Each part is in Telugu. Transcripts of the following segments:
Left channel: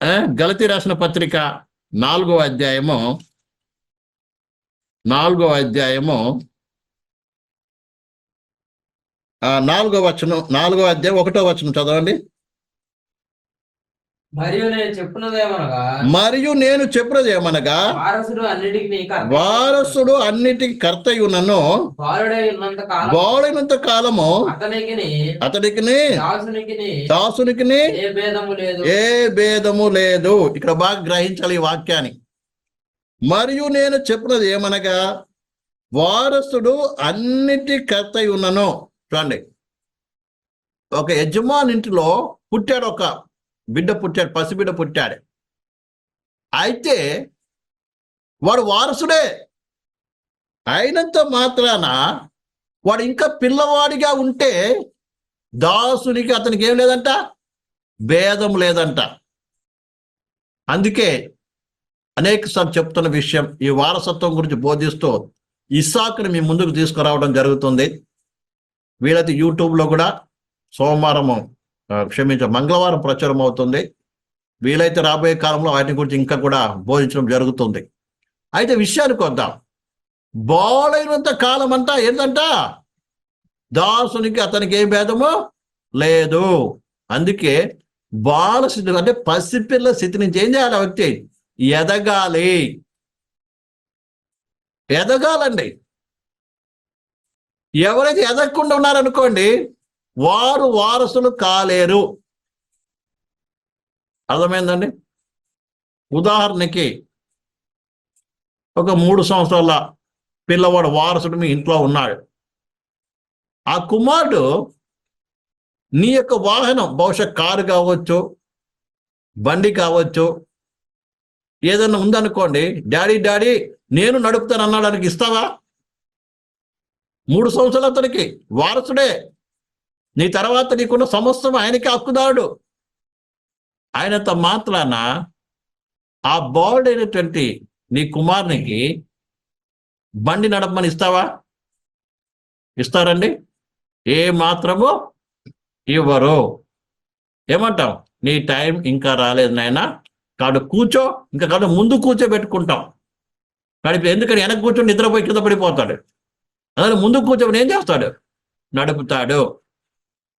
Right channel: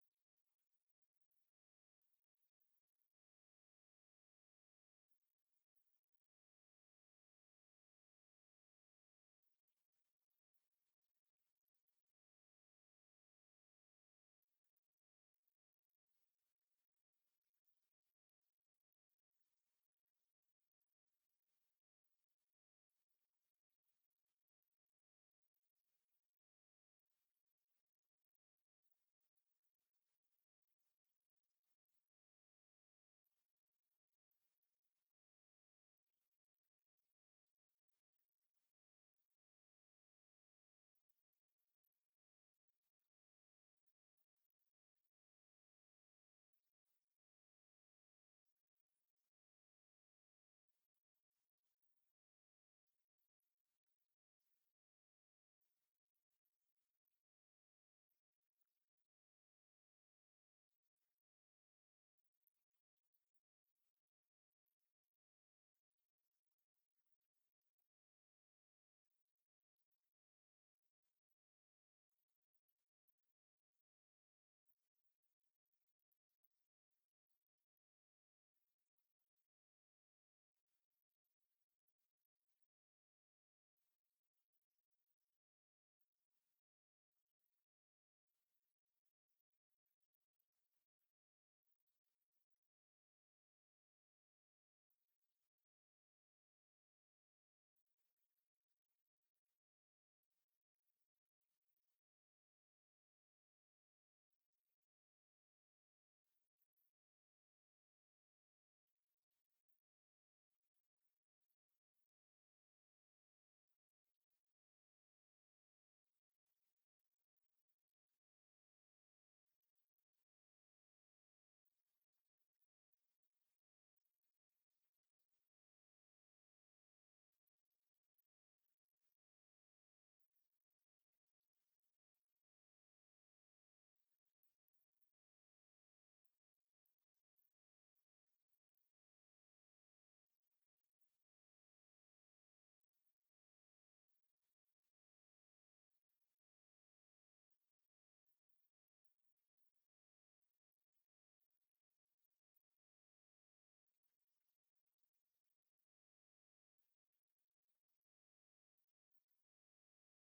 ఆ, గలతి రాసిన పత్రిక నాలుగో అధ్యాయము నాలుగో అధ్యాయము ఆ, నాలుగో వచనం నాలుగో అధ్యాయం ఒకటో వచనం చదవండి. మరియు నేను చెప్పున్నదేమనగా మరియు నేను చెప్పినది ఏమనగా? వారసుడు అన్నిటికీ కర్త. వారసుడు అన్నిటికి కర్తయునను బాలుడై ఉన్నంత కాలం బాడైనంత కాలము. అతనికి అతడికి దాసునికి దాసునికి ఏ భేదము లేదు. ఏ భేదము లేదు. ఇక్కడ బాగా గ్రహించాలి ఈ వాక్యాన్ని. మరియు నేను చెప్పినది ఏమనగా? వారసుడు అన్నిటి కర్తై ఉన్నను చూడండి. ఒక యజమాని ఇంటిలో పుట్టాడు ఒక బిడ్డ పుట్టాడు పసిబిడ్డ పుట్టాడు. అయితే వాడు వారసుడే. అయినంత మాత్రాన వాడు ఇంకా పిల్లవాడిగా ఉంటే దాసునికి అతనికి ఏం లేదంట? భేదం లేదంట. అందుకే అనేక సార్లు చెప్తున్న విషయం ఈ వారసత్వం గురించి బోధిస్తూ ఇస్సాకుని మీ ముందుకు తీసుకురావడం జరుగుతుంది. వీలైతే యూట్యూబ్లో కూడా సోమవారం క్షమించ మంగళవారం ప్రచురం అవుతుంది. వీలైతే రాబోయే కాలంలో వాటిని గురించి ఇంకా కూడా బోధించడం జరుగుతుంది. అయితే విషయానికి వద్దాం. బాలైనంత కాలం అంతా ఏంటంట దాసునికి అతనికి ఏ భేదము? లేదు. అందుకే బాల స్థితి అంటే పసిపిల్ల స్థితి నుంచి ఏం చేయాలి ఆ వ్యక్తి? ఎదగాలి. ఎదగాలండి. ఎవరైతే ఎదగకుండా ఉన్నారనుకోండి వారు వారసులు కాలేరు. అర్థమైందండి? ఉదాహరణకి ఒక మూడు సంవత్సరాల పిల్లవాడు వారసుడు మీ ఇంట్లో ఉన్నాడు. ఆ కుమారుడు నీ యొక్క వాహనం బహుశా కారు కావచ్చు బండి కావచ్చు ఏదన్నా ఉందనుకోండి డాడీ డాడీ నేను నడుపుతాను అన్నాడానికి ఇస్తావా? మూడు సంవత్సరాలు అతనికి వారసుడే. నీ తర్వాత నీకున్న సమస్తం ఆయనకి హక్కుదారుడు. ఆయనంత మాత్రాన ఆ బాల్డ్ అయినటువంటి నీ కుమారునికి బండి నడపమని ఇస్తావా? ఇస్తారండి. ఏ మాత్రము ఇవ్వరు. ఏమంటాం? నీ టైం ఇంకా రాలేదు నాయన. కాడు కూర్చో ఇంకా కాదు ముందు కూర్చోబెట్టుకుంటాం. నడిపి ఎందుకంటే వెనక కూర్చొని నిద్రపోయి కింద పడిపోతాడు? అదే ముందు కూర్చోబెట్టి ఏం చేస్తాడు? నడుపుతాడు.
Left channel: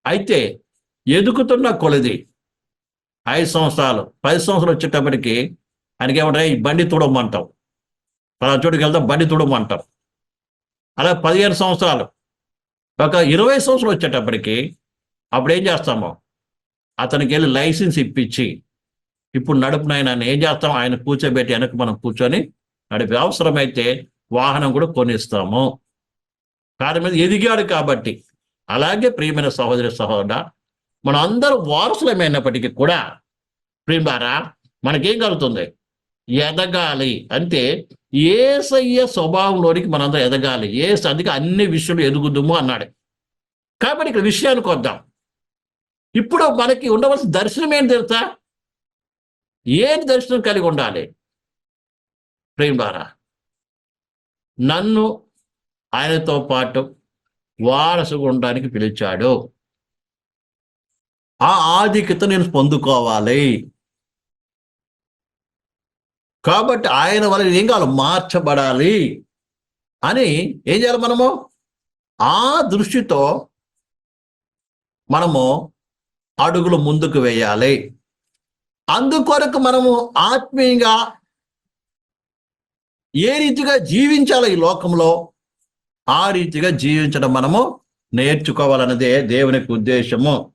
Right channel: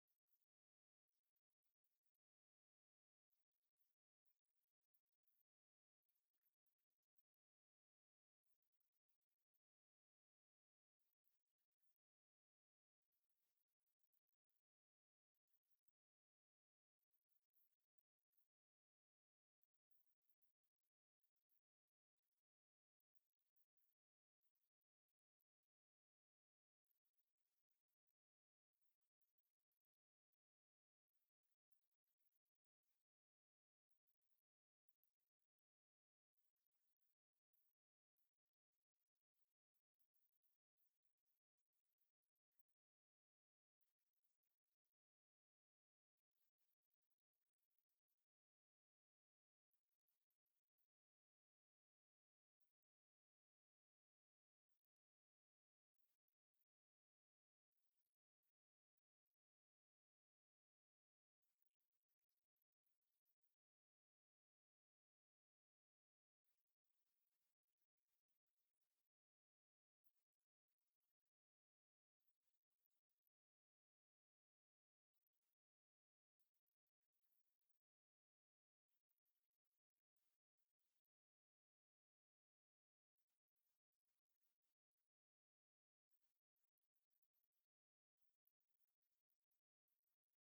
అయితే ఎదుగుతున్న కొలది ఐదు సంవత్సరాలు పది సంవత్సరాలు వచ్చేటప్పటికి ఆయనకి ఏమంటారు ఈ బండి తుడమంటాం పలా చోటుకి వెళ్తాం బండి తుడమంటాం అలా పదిహేను సంవత్సరాలు. ఒక ఇరవై సంవత్సరాలు వచ్చేటప్పటికి అప్పుడు ఏం చేస్తాము? అతనికి వెళ్ళి లైసెన్స్ ఇప్పించి ఇప్పుడు నడుపు నాయన ఏం చేస్తాం? ఆయన కూర్చోబెట్టి వెనక మనం కూర్చొని నడిపి అవసరమైతే వాహనం కూడా కొనిస్తాము. కారు మీద ఎదిగాడు కాబట్టి అలాగే ప్రియమైన సహోదరి సహోదర మనం అందరూ వారసులమైనప్పటికీ కూడా ప్రియులారా మనకేం కలుగుతుంది? ఎదగాలి. అంటే ఏసయ్య స్వభావంలోనికి మనందరం ఎదగాలి. ఏ అందుకే అన్ని విషయాలు ఎదుగుదుము అన్నాడు. కాబట్టి ఇక్కడ విషయానికి వద్దాం. ఇప్పుడు మనకి ఉండవలసిన దర్శనం ఏంటి తెలుసా? ఏంటి దర్శనం కలిగి ఉండాలి? ప్రేమారా నన్ను ఆయనతో పాటు వారసుగా ఉండడానికి పిలిచాడు. ఆ ఆధిక్యత నేను పొందుకోవాలి. కాబట్టి ఆయన వల్ల ఏం కావాలి? మార్చబడాలి. అని ఏం చేయాలి మనము? ఆ దృష్టితో మనము అడుగులు ముందుకు వేయాలి. అందుకొరకు మనము ఆత్మీయంగా ఏ రీతిగా జీవించాలి ఈ లోకంలో? ఆ రీతిగా జీవించడం మనము నేర్చుకోవాలన్నదే దేవునికి ఉద్దేశము.